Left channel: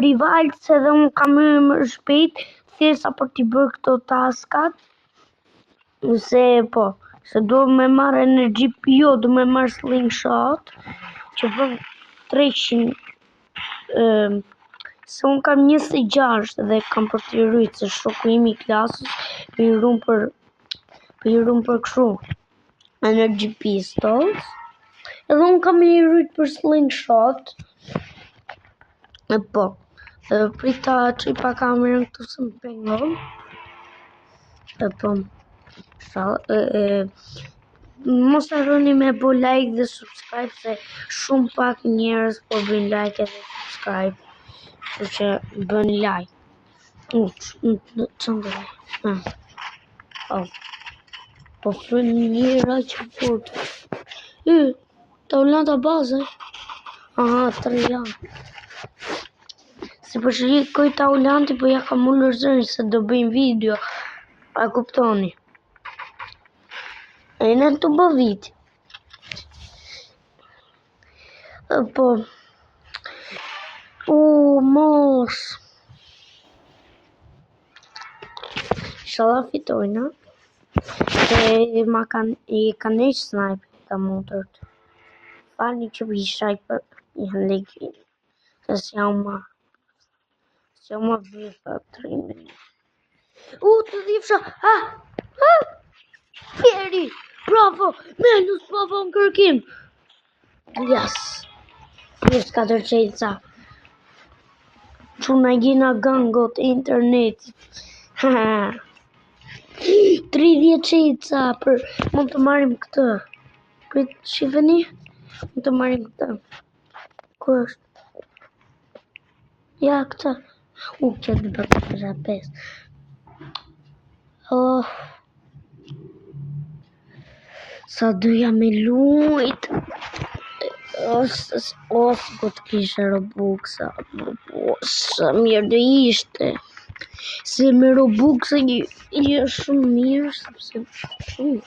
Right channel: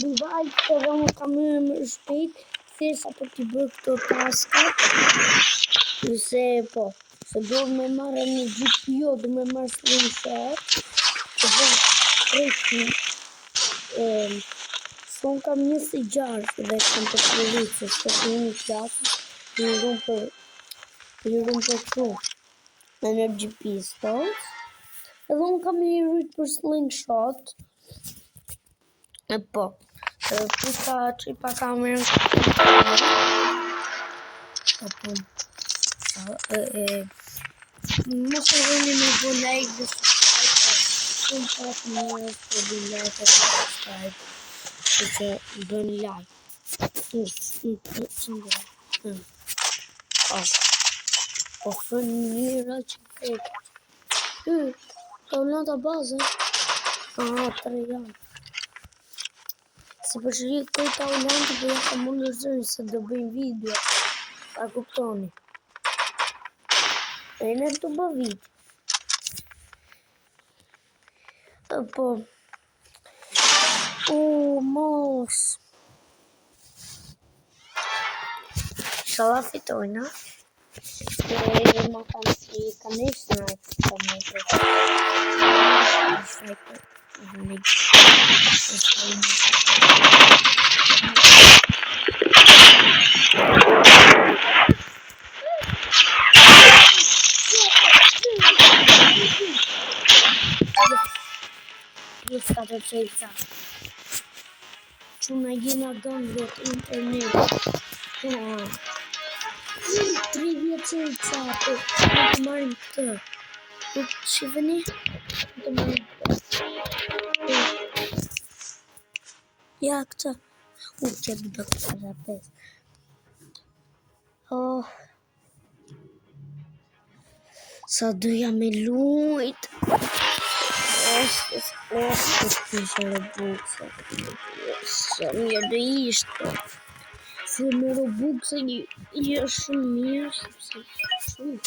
rival edhe unë kam më shpejt thjesht për t'i bërë këto taskat. Se do me marrë energji, jo, do me marrë slingshot që bërë 300. Se unë kam 26 dhe kam përshlirit se shokë imi klasës i rumë për kështu energy pistols. Edhe unë kam i rrit për slingshot. Prita që i pa kamerën mos e rëni me bo like dhe subscribe se shumë pak njerës po bëjnë like e subscribe. Që bëni like. Po fërën njëra që fort. Taulanta bazë. Aha, 3 janë. Si për shërikoj taulanti, po ja kam ullur zërin se do bëjmë video. Pa kuptoni. E në të bë viti. Po. Mos. Shala fitojnë, e ma kanë ish snipe të mundër. Që i shaj për legë. Se s'ja më. Bravo! Yes. Plus 4 qelca. Quna gjena gangot internet. 30 qelca për në të marim këtë. Për shifeni? Në të marim këtë. Ja këtë. Që të bërë të rapes. Sa duja me lujt. Po t'ishe Robux-a. Sa mirë dhe ishte. Se me Robux-a i shumë mirë. Sepse shumë.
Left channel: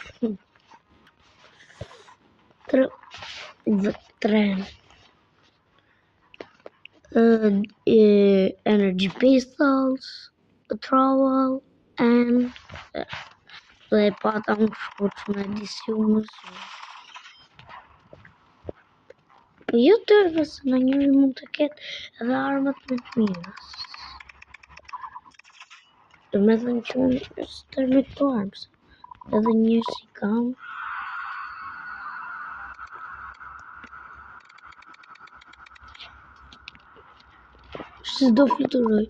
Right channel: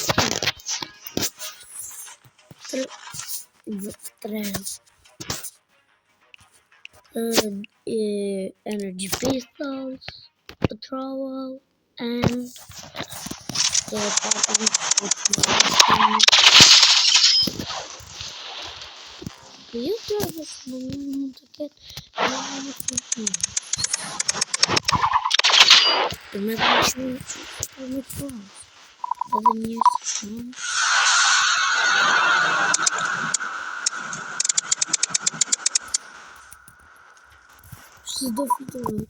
3. Energy pistols, patrol, and dhe pata më shumë. Po jo të se në njëri mund të ketë dhe armët në një. Dhe me dhe në shumë që të rritë armës. Edhe njërë që tamë. Se do fluturoj.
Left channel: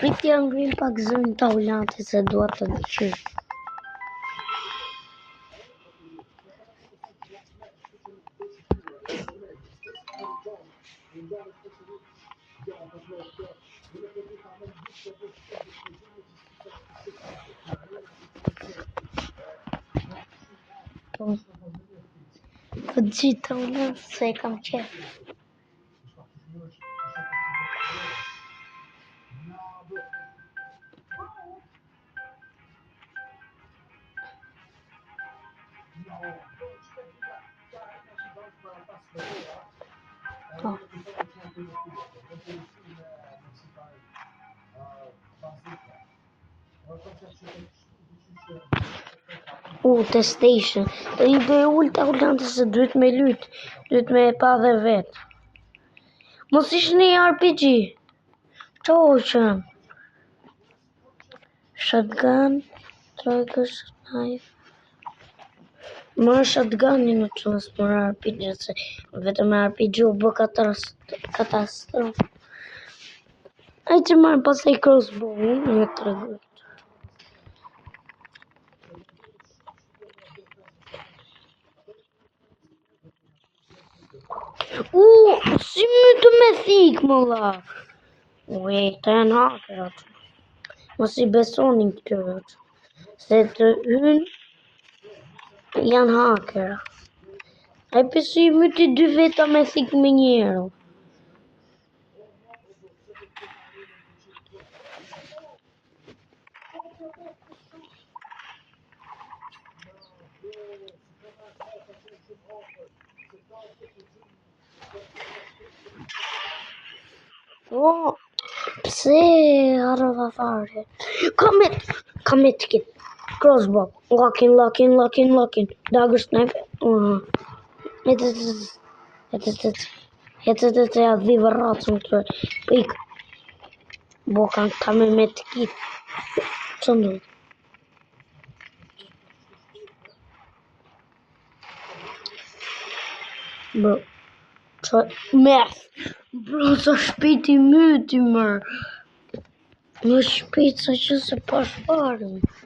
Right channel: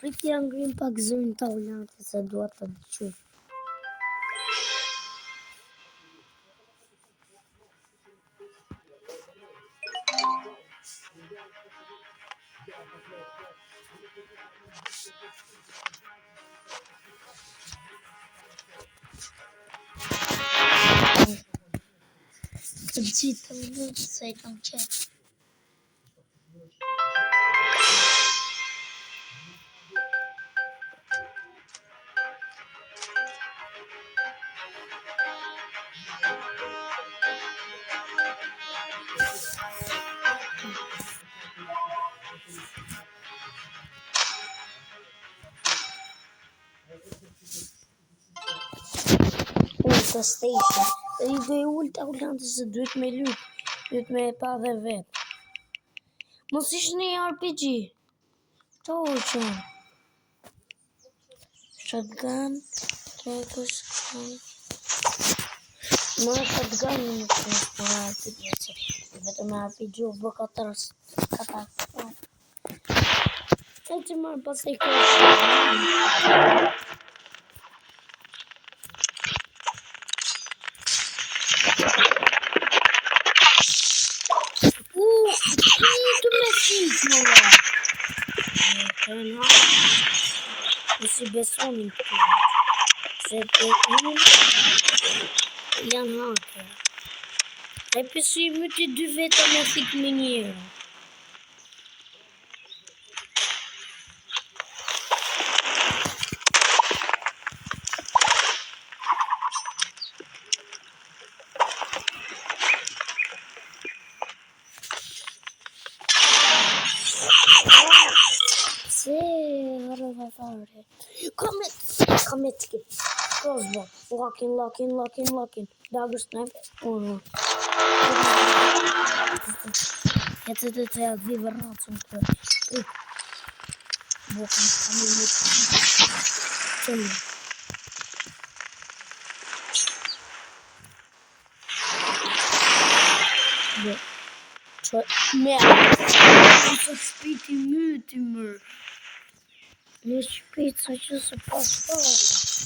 Pritja ngrim pak zërin taulantit se dua të dëqyr. Të gjithë taulant se e kam qef. Të station. Të një dhe ullë të ullante se duhet me lytë. Duhet me pa dhe vetë. Mos ishë një RPG. Qa o qënë? Shotgun. Trojkës. Më shotgun një më qënë për RPG. Se vetëm me RPG u bë katastrofë. Ai që marrë pas e i kërështë. Një të rëgjë. Një të me thikë më la. Të janë haker. Mos i besonin këto. Se të janë haker. Ai pësu i myti 2 veta me thikë me njero. thare. Kam et skin. Crossbow. Locking. Dagger snipe. Jetzt ja wie verraten und ik. Wo kan me met zombie. Bro. So spät die Müde immer. Nur spät solche so paar Fragen.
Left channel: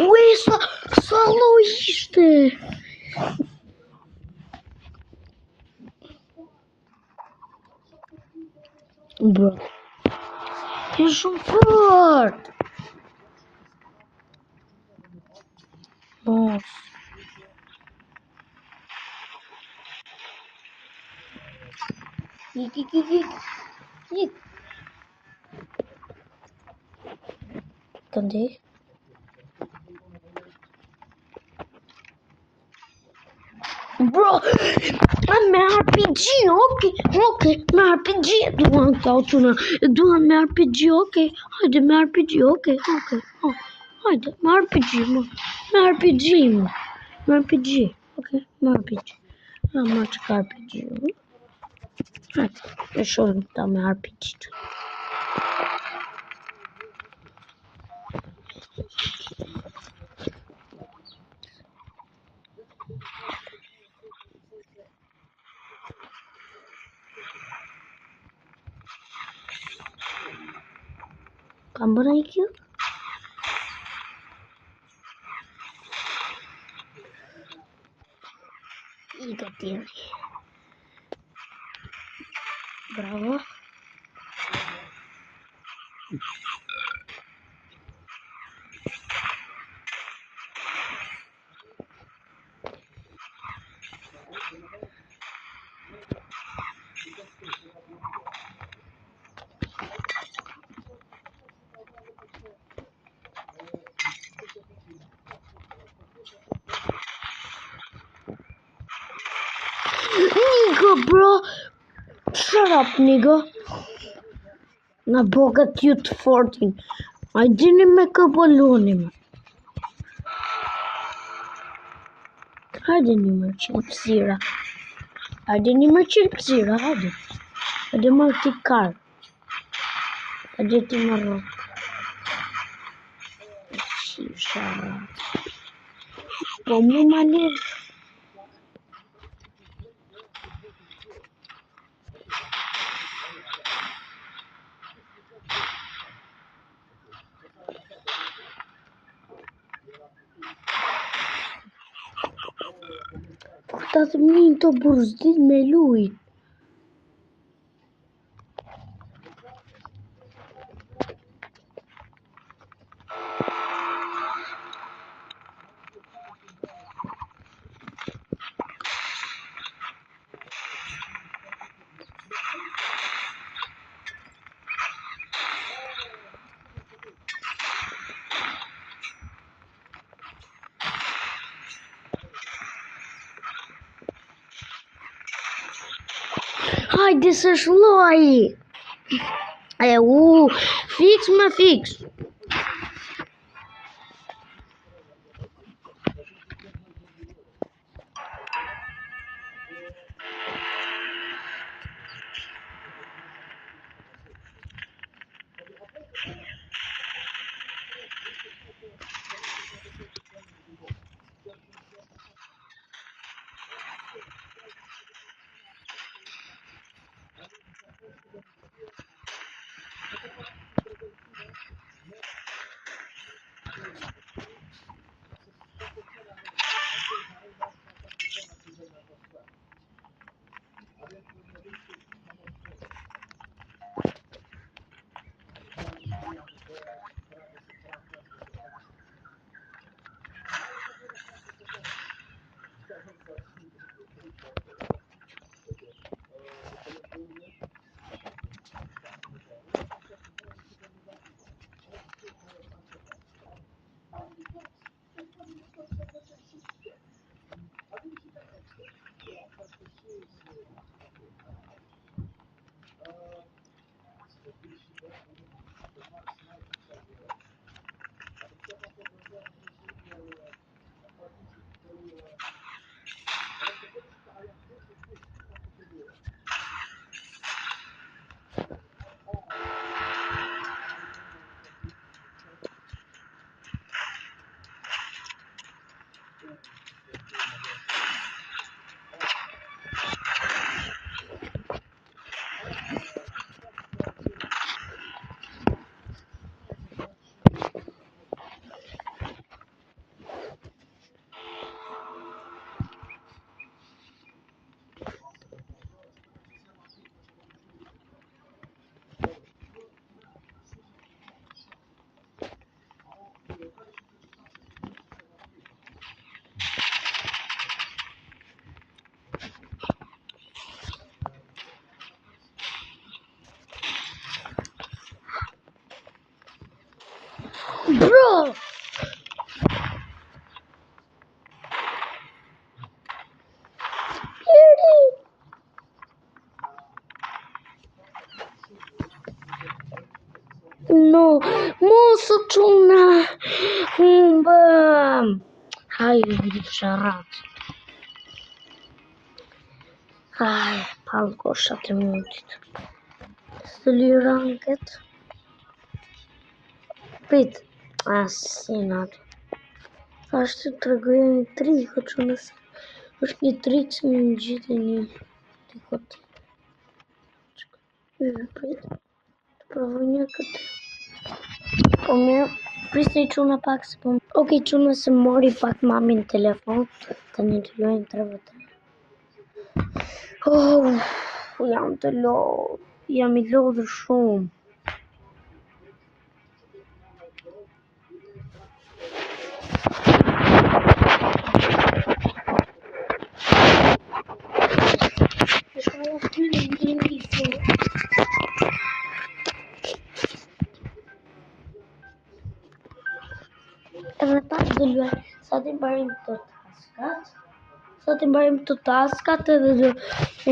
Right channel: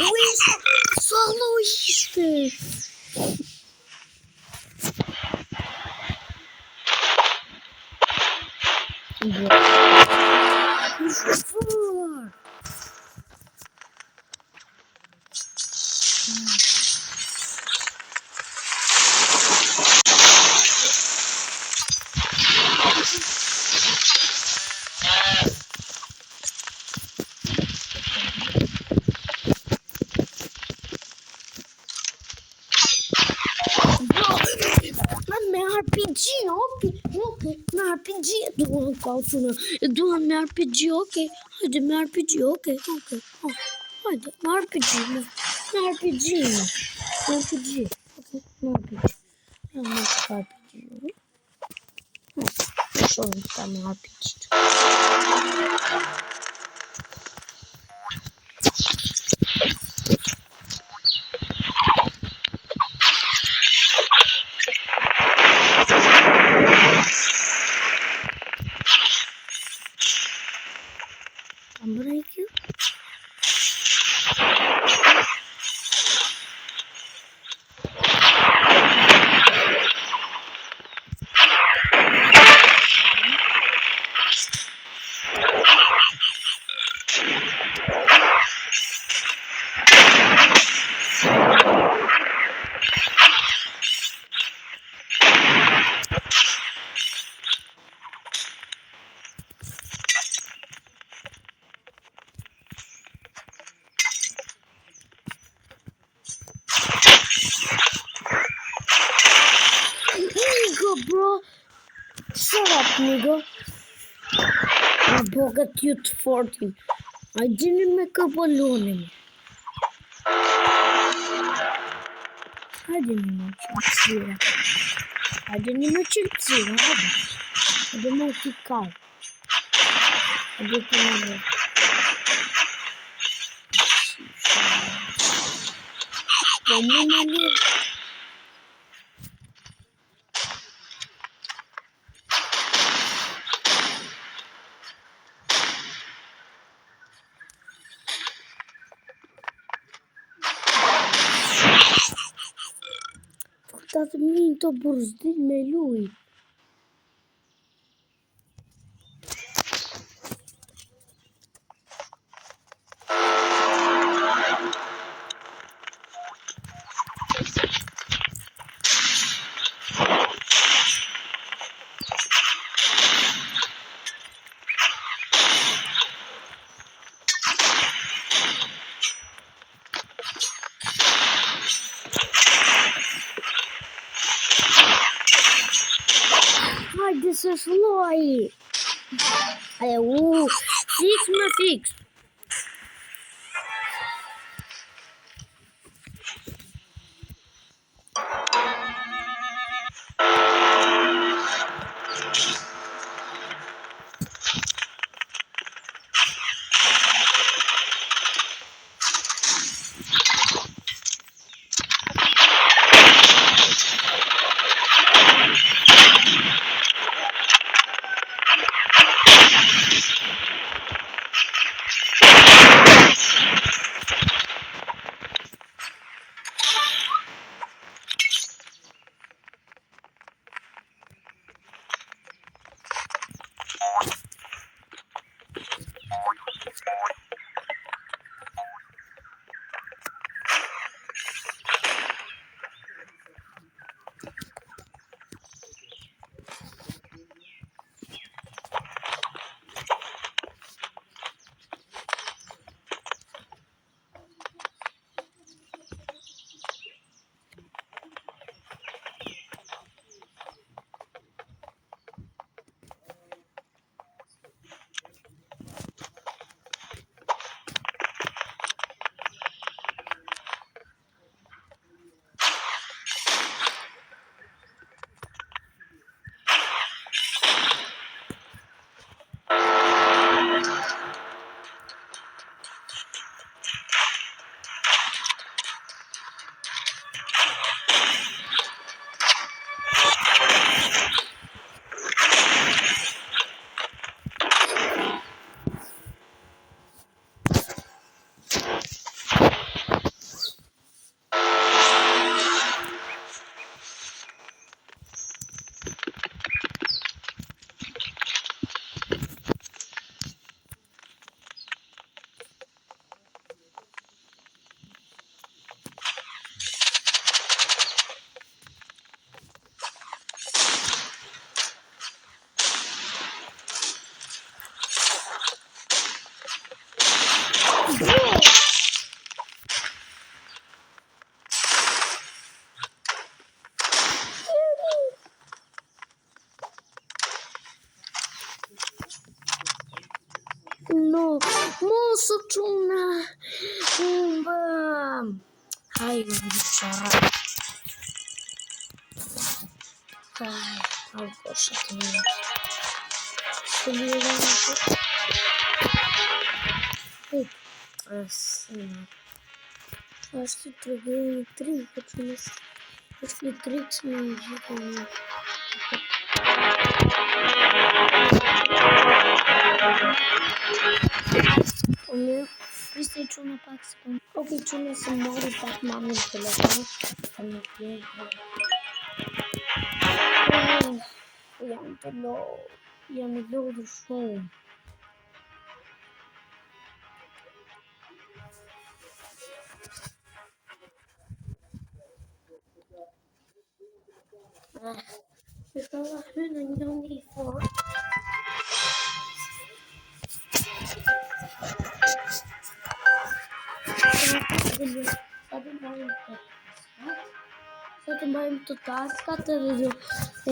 Ui, soloiste! Que chauffeur! Entendeu? Bro, me RPG, ok, me RPG, duan të autona, duan me RPG, ok, hajde me RPG, ok, hajde, me RPG, me RPG, ok, me RPG, ja, me RPG, hajde, me shohim ta me RPG. Kam bërë i kjo? Bro, shut up, nigga. Ma bogat ju të fortin. A gjeni me këpëllonin. Hajde një më qëpësira. Hajde marrë të karë. Hajde të marrë. Po mu ma lirë. Ta të minë të burzdit me lujt. Hajde se shloj. Fix me fix. Bro! No, moço, tuna. Bam. Ai, bichara. Ai, palcoșa te mă. Să liram tot. Pit. Asenat. Aștept trăgăia tri, хочу нас. Уж не 30 минут ждения. Pristej çuna pak se po. Okej, çuna se mori pak mamin telefon. Tani të lojnë trevet. Jam të lodh. Jam I lodhur shumë. Sa të mbarim të taskat. Sa të mbarim të taskat edhe do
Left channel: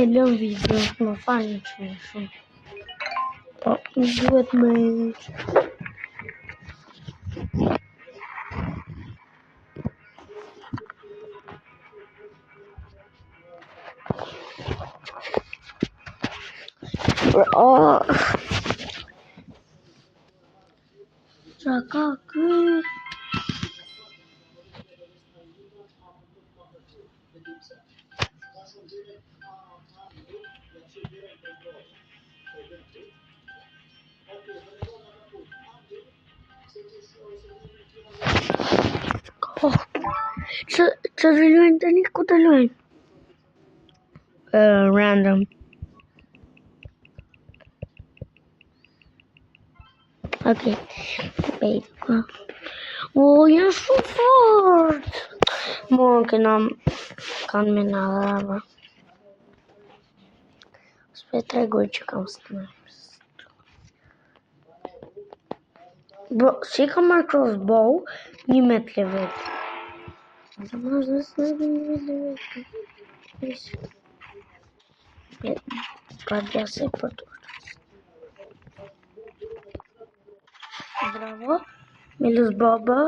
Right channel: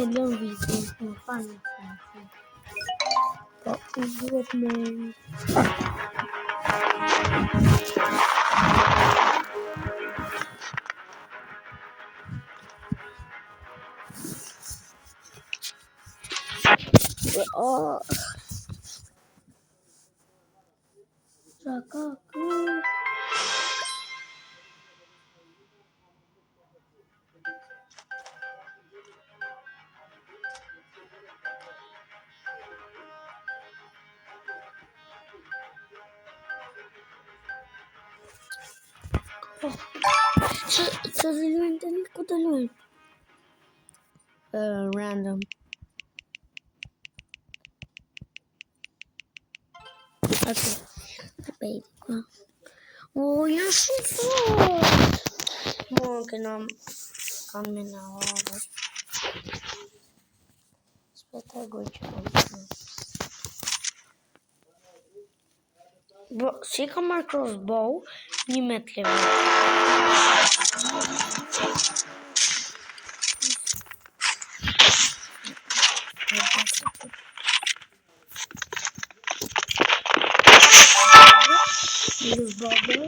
e lëm video. Më fani që shumë. Po, duhet me... Qa ka kë? Që të luajnë tani, ku të luajnë? Random. Atë. Bejka. Janë shumë fort. Morën këna kanë me në adhava. S'pe tregoj që kam snipers. Bro, si kam marrë crossbow, 1 met level. Ka gjase për të. Melus baba.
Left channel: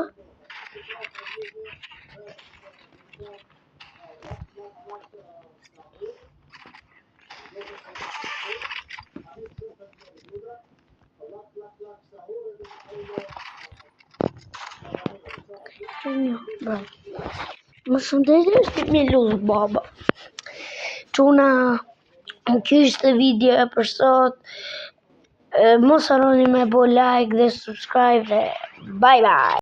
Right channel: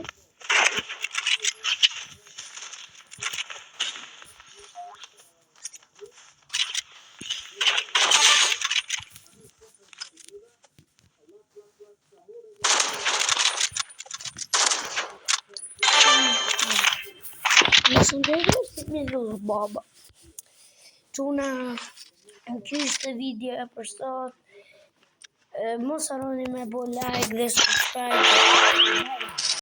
Nësë ndërë është Melus baba. Çuna, kjo ishte video e për sot. Mos harroni me bo like dhe subscribe. Bye bye.